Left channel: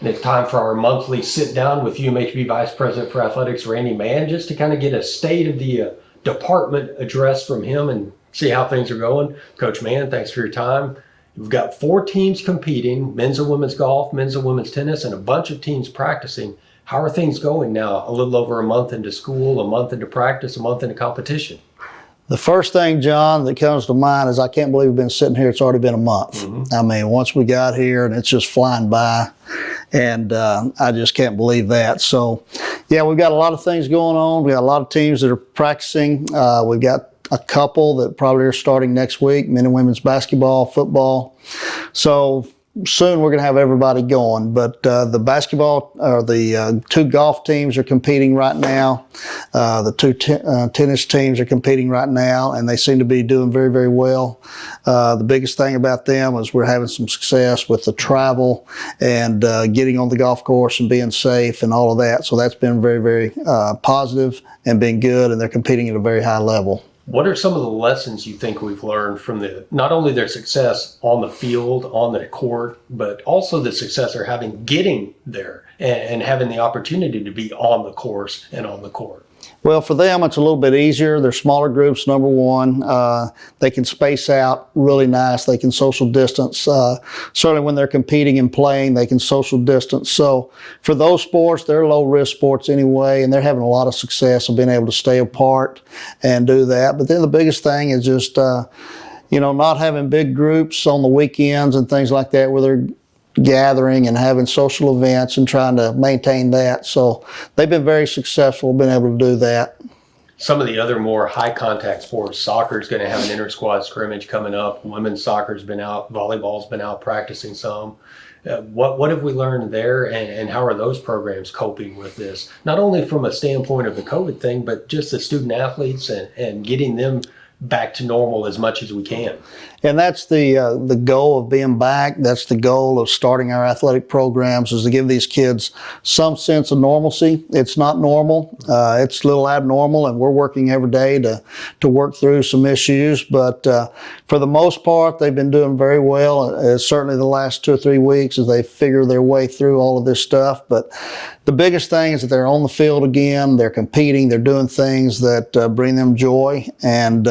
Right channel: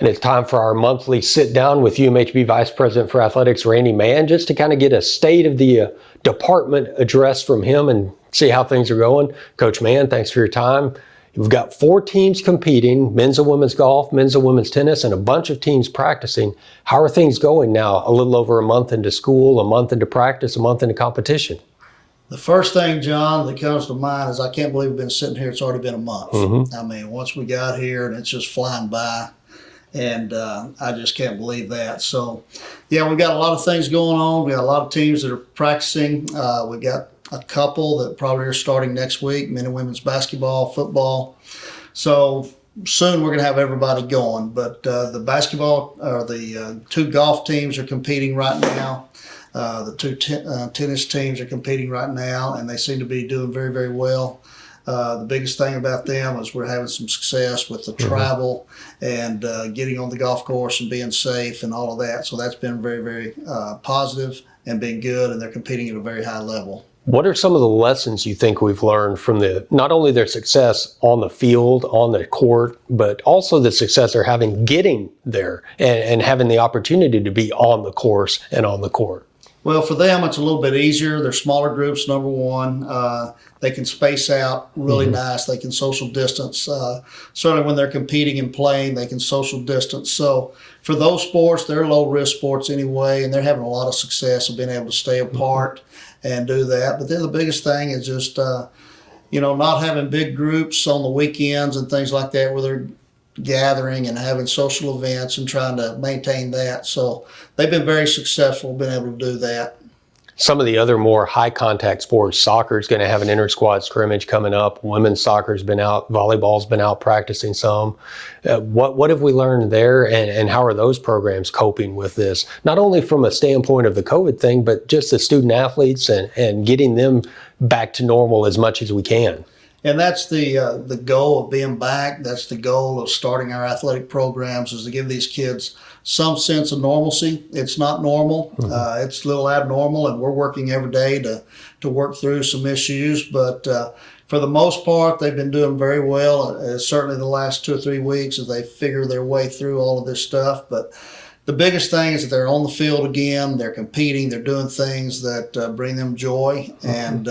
And it's time for our monthly sit down with UMHB Vice President for Athletics, Randy Mann, just to kind of get a state of the department address from him and see how things are going. Coach Mann, thanks for your time. We've got 4 teams competing, men's and women's golf, men's and women's tennis, and a bunch of teams practicing. How are things going now? A little over a month into school, a month into practice, a month into competition. The first thing, John, that comes to mind is I can't believe we've been sitting here. It's already been a month. Mm-hmm. I mean, once we got here and it's just flying by, and I just can't believe that. So, yeah, we've got a lot of things going on. We got a lot of teams that are practicing. We've got a couple that probably are starting next week, men and women's basketball, football. So soon we're going to have everybody going, but the basketball or the 2 golf teams are competing right now. The 2 tennis teams are competing right now, and they seem to be doing very, very well. The biggest thing about them is we're having some success with the travel and getting on the golf course and being safe and all of that. So that's been very, very positive and been good, and they're competing at a very high level. What are some of the lessons you think we've learned from not only their success on the field, on the court, but also the success they're having getting there and having the opportunity to be on the course and on the court? Well, for them, it's a little bit easier. They're smaller groups, number one. They can space out really nice. They can social distance. Certainly when they're competing and playing, they can social distance. So for those sports, they're low-risk sports anyway, and they're having a lot of success of being able to stay apart and do that. But then the biggest thing is just, not having big groups on the weekends and things like that where they're gathering and having social events and trying to maintain that. So they've been very successful, been able to do that. Some of the other more high contact sports, soccer is going to have an inter-squad scrimmage coming up. Women's soccer's been out, volleyball's been out practicing some. What have we learned there, and how are those programs coping with this? Not only from a standpoint of the COVID thing, but just the student athletes and getting them back to normal as much as we can. And that's the goal of being back. That's the goal of starting our athletic programs, is to give these kids some sense of normalcy. It's not normal. It's a little abnormal, and we're working every day to work through some issues. But for the most part, they've been doing very well. Certainly the last 2 or 3 weeks as they figure their way through all of this stuff. But the biggest thing is that they're on the field again. They're competing. They're doing things that bring them joy. And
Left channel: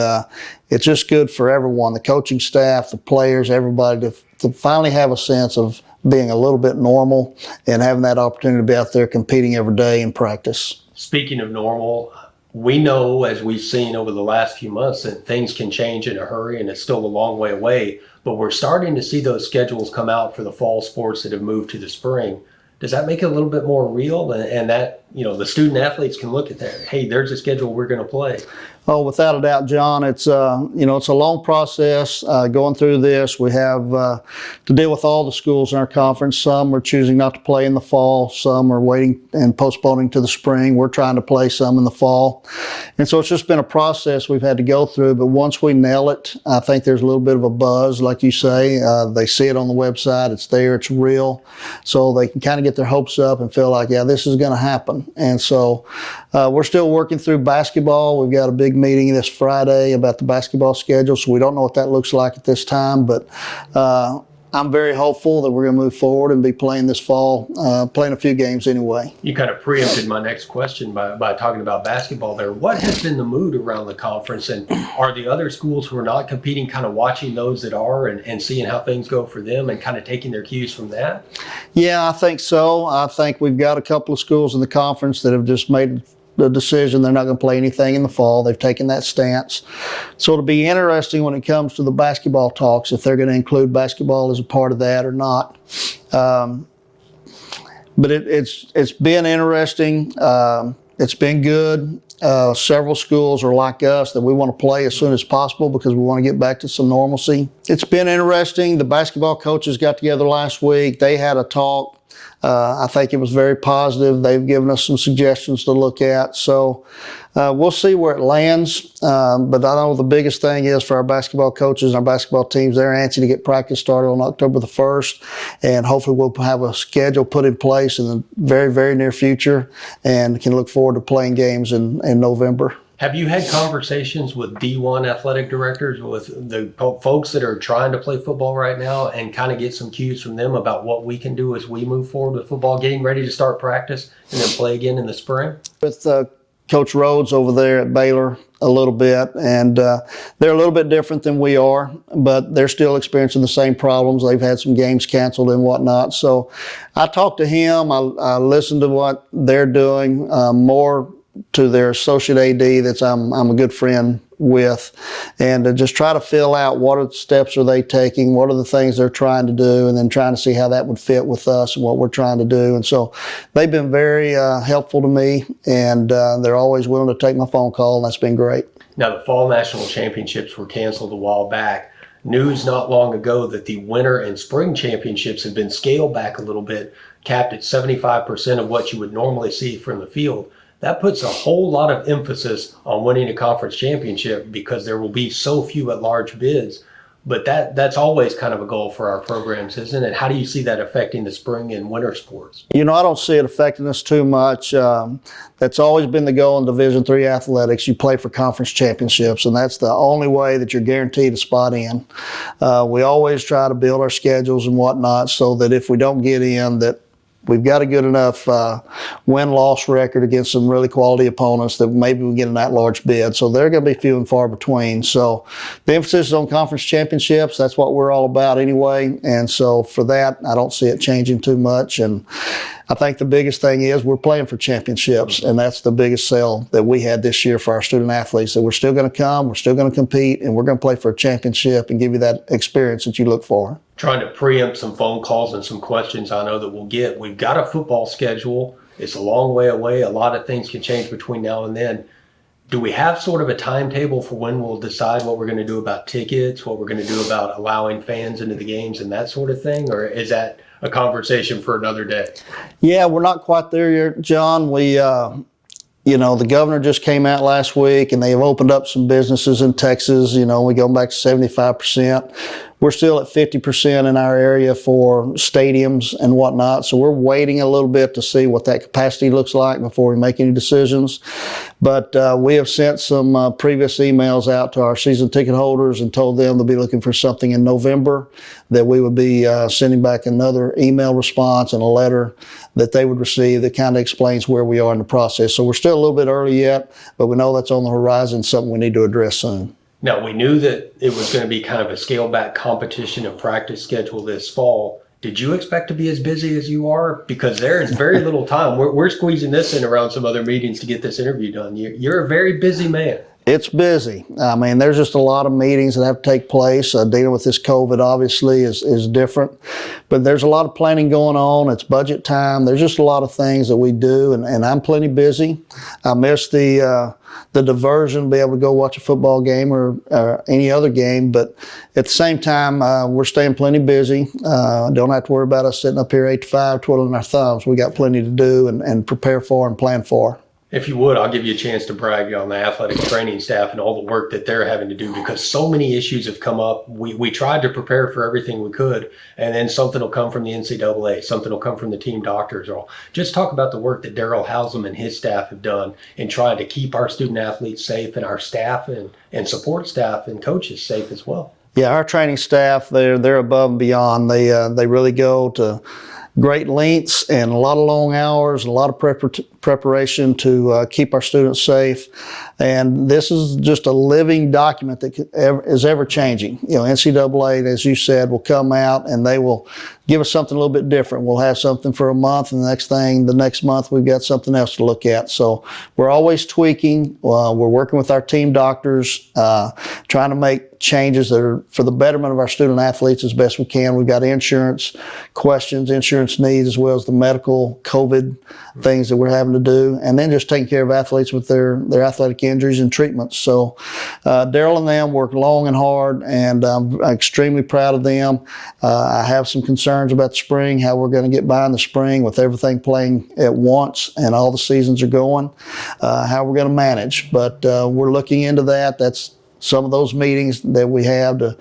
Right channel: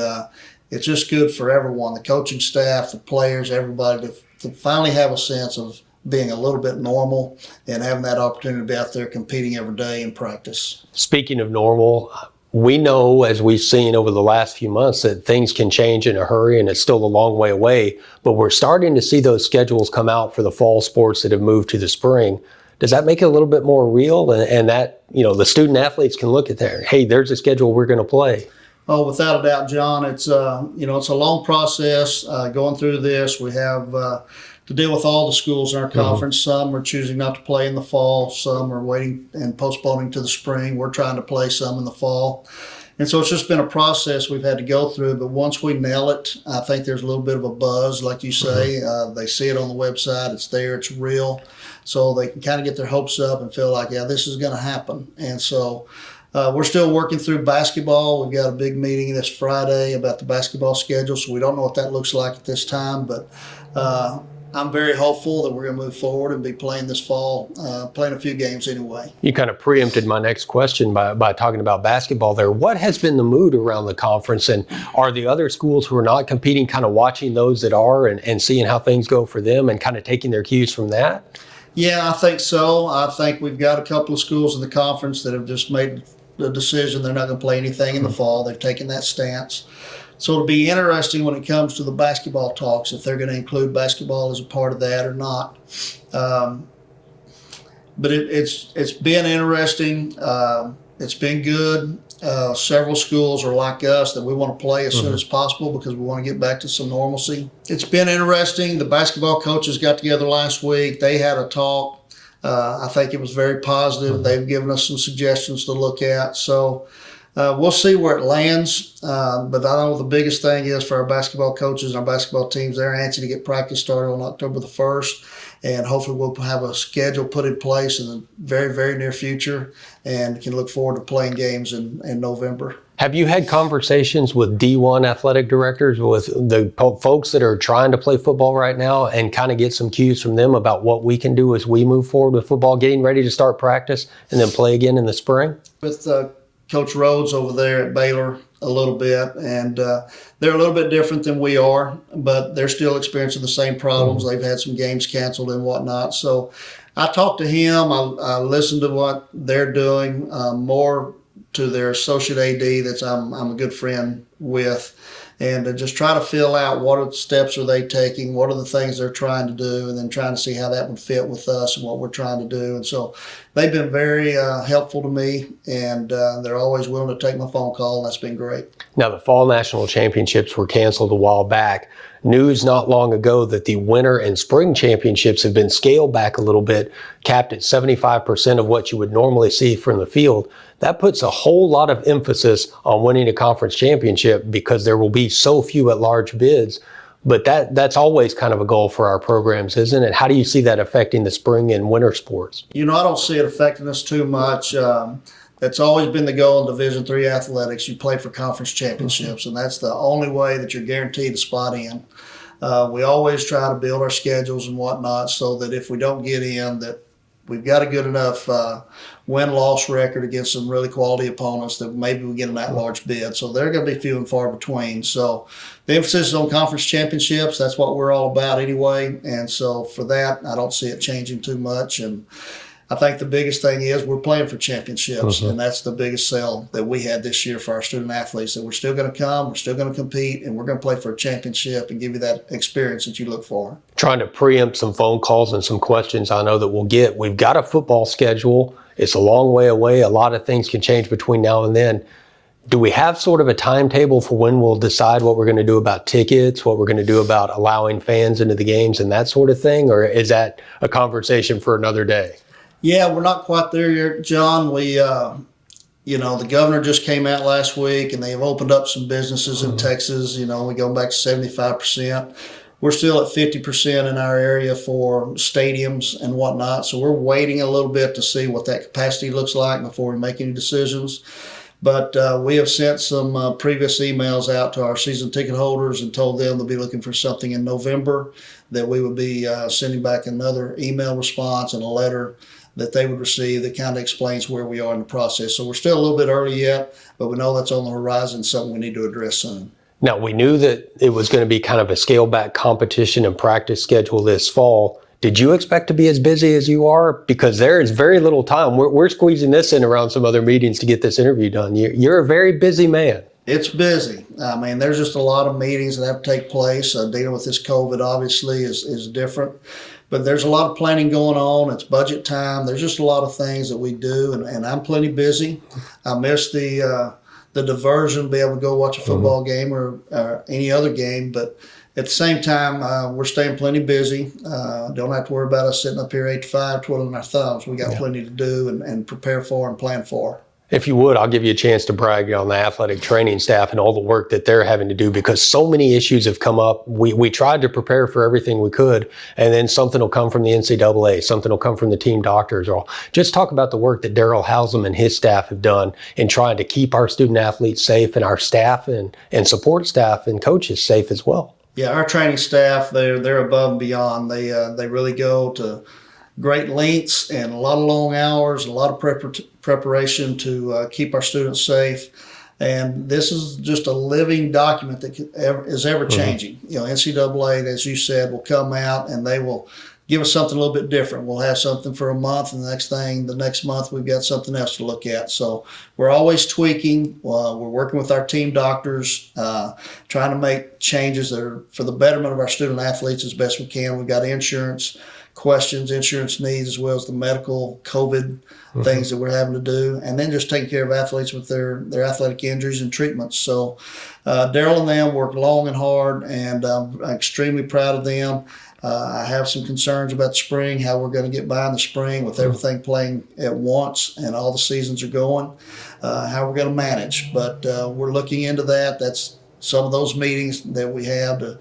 it's just good for everyone, the coaching staff, the players, everybody, to finally have a sense of being a little bit normal and having that opportunity to be out there competing every day in practice. Speaking of normal, we know, as we've seen over the last few months, that things can change in a hurry, and it's still a long way away. But we're starting to see those schedules come out for the fall sports that have moved to the spring. Does that make it a little bit more real, and that, the student athletes can look at there, hey, there's a schedule we're going to play? Oh, without a doubt, John. It's it's a long process going through this. We have to deal with all the schools in our conference. Some are choosing not to play in the fall. Some are waiting and postponing to the spring. We're trying to play some in the fall. And so it's just been a process we've had to go through. But once we nail it, I think there's a little bit of a buzz, like you say. They see it on the website. It's there. It's real. So they can kind of get their hopes up and feel like, yeah, this is going to happen. And so we're still working through basketball. We've got a big meeting this Friday about the basketball schedule, so we don't know what that looks like at this time. But I'm very hopeful that we're going to move forward and be playing this fall, playing a few games anyway. You kind of preempted my next question by talking about basketball there. What has been the mood around the conference, and are the other schools who are not competing kind of watching those that are and seeing how things go for them and kind of taking their cues from that? Yeah, I think so. I think we've got a couple of schools in the conference that have just made the decision they're not going to play anything in the fall. They've taken that stance. So it'll be interesting when it comes to the basketball talks, if they're going to include basketball as a part of that or not. But it's been interesting. It's been good. Several schools are like us that we want to play as soon as possible because we want to get back to some normalcy. It's been interesting. The basketball coaches got together last week. They had a talk. I think it was very positive. They've given us some suggestions to look at. So we'll see where it lands. But I know the biggest thing is for our basketball coaches and our basketball teams, they're anxious to get practice started on October the 1st. And hopefully we'll have a schedule put in place in the very, very near future and can look forward to playing games in November. Have you had conversations with D1 athletic directors, with the folks that are trying to play football right now, and kind of get some cues from them about what we can do as we move forward with football, getting ready to start practice and then play again in the spring? With Coach Rhodes over there at Baylor a little bit, and they're a little bit different than we are, but they're still experiencing the same problems. They've had some games canceled and whatnot. So I talked to him. I listened to what they're doing, more to their associate AD that's I'm a good friend with, and to just try to fill out what are the steps are they taking, what are the things they're trying to do, and then trying to see how that would fit with us and what we're trying to do. And so they've been very helpful to me, and they're always willing to take my phone call, and that's been great. Now, the fall national championships were canceled a while back. News not long ago that the winter and spring championships have been scaled back a little bit, capped at 75% of what you would normally see from the field. That puts a whole lot of emphasis on winning a conference championship because there will be so few at-large bids. But that's always kind of a goal for our programs, isn't it? How do you see that affecting the spring and winter sports? I don't see it affecting us too much. That's always been the goal in Division III athletics. You play for conference championships, and that's the only way that you're guaranteed a spot in. We always try to build our schedules and whatnot so that if we don't get in, that we've got a good enough win-loss record against some really quality opponents that maybe we get an at-large bid. So they're going to be few and far between. So the emphasis is on conference championships. That's what we're all about anyway. And so for that, I don't see it changing too much. And I think the biggest thing is we're playing for championships, and that's the biggest sell that we had this year for our student athletes, that we're still going to come, we're still going to compete, and we're going to play for a championship and give you that experience that you look for. Trying to preempt some phone calls and some questions I know that we'll get. We've got a football schedule. It's a long way away. A lot of things can change between now and then. Do we have sort of a timetable for when we'll decide what we're going to do about tickets, what we're going to do about allowing fans into the games and that sort of thing? Or is that a conversation for another day? Yeah, we're not quite there yet, John. We, the governor just came out last week, and they have opened up some businesses in Texas. We go back to 75%. We're still at 50% in our area for stadiums and whatnot. So we're waiting a little bit to see what that capacity looks like before we make any decisions. But we have sent some previous emails out to our season ticket holders and told them to be looking for something in November, that we would be sending back another email response and a letter that they would receive that kind of explains where we are in the process. So we're still a little bit early yet, but we know that's on the horizon, something we need to address soon. Now, we knew that it was going to be kind of a scale back competition and practice schedule this fall. Did you expect to be as busy as you are? Because there is very little time. We're squeezing this in around some other meetings to get this interview done. You're a very busy man. It's busy. I mean, there's just a lot of meetings that have to take place. Dealing with this COVID obviously is different, but there's a lot of planning going on. It's budget time. There's just a lot of things that we do, and I'm plenty busy. I miss the diversion, be able to go watch a football game or any other game, but at the same time, we're staying plenty busy. Don't have to worry about us sitting up here 8 to 5 twiddling our thumbs. We got plenty to do and prepare for and plan for. If you would, I'll give you a chance to brag on the athletic training staff and all the work that they're having to do, because so many issues have come up. We tried to prepare for everything we could, and then something will come from the NCAA, something will come from the team doctors. Or just talk about the work that Daryl Housam and his staff have done in trying to keep our student athletes safe, and our staff and support staff and coaches safe as well. Yeah, our training staff, they're above and beyond. They really go to great lengths and a lot of long hours, a lot of preparation to keep our students safe. And this is just a living document that is ever changing. NCAA, as you said, will come out and they will give us something a little bit different. We'll have something for a month, and the next month we've got something else to look at. So we're always tweaking. We're working with our team doctors, trying to make changes that are for the betterment of our student athletes as best we can. We've got insurance questions, insurance needs, as well as the medical COVID things that we're having to do, and then just taking care of athletes with their athletic injuries and treatments. So Daryl and them work long and hard, and I'm extremely proud of them. I have some concerns about the spring, how we're going to get by in the spring with everything playing at once and all the seasons are going, how we're going to manage. But we're looking into that. That's some of those meetings that we have to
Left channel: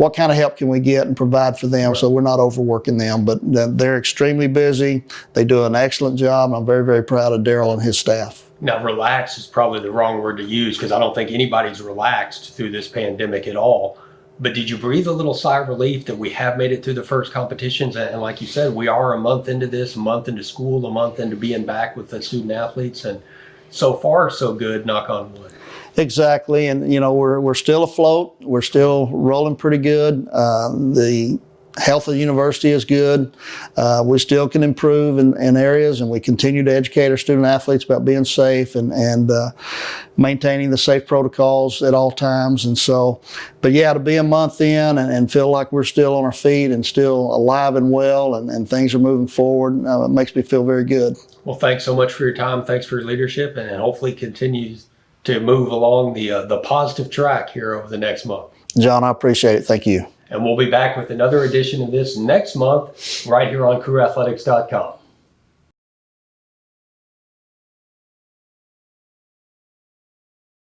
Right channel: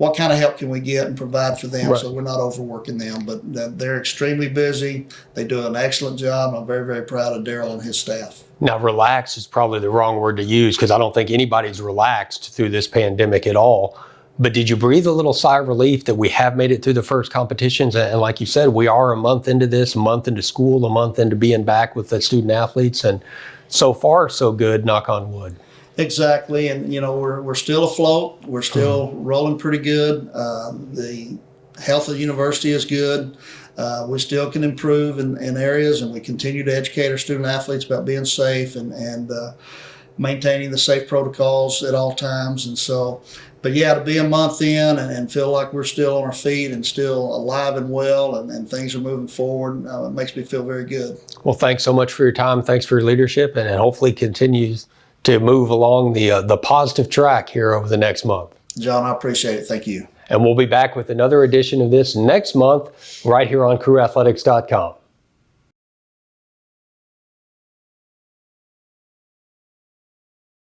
what kind of help can we get and provide for them, Right. so we're not overworking them. But they're extremely busy. They do an excellent job. I'm very, very proud of Daryl and his staff. Now, relax is probably the wrong word to use because I don't think anybody's relaxed through this pandemic at all. But did you breathe a little sigh of relief that we have made it through the first competitions? And like you said, we are a month into this, a month into school, a month into being back with the student athletes. And so far, so good, knock on wood. Exactly, and you know we're still afloat. We're still rolling pretty good. The health of the university is good. We still can improve in areas, and we continue to educate our student athletes about being safe and maintaining the safe protocols at all times. And so, but yeah, to be a month in and feel like we're still on our feet and still alive and well, and things are moving forward, it makes me feel very good. Well, thanks so much for your time. Thanks for your leadership, and hopefully continues to move along the positive track here over the next month. John, I appreciate it. Thank you. And we'll be back with another edition of this next month right here on CrewAthletics.com.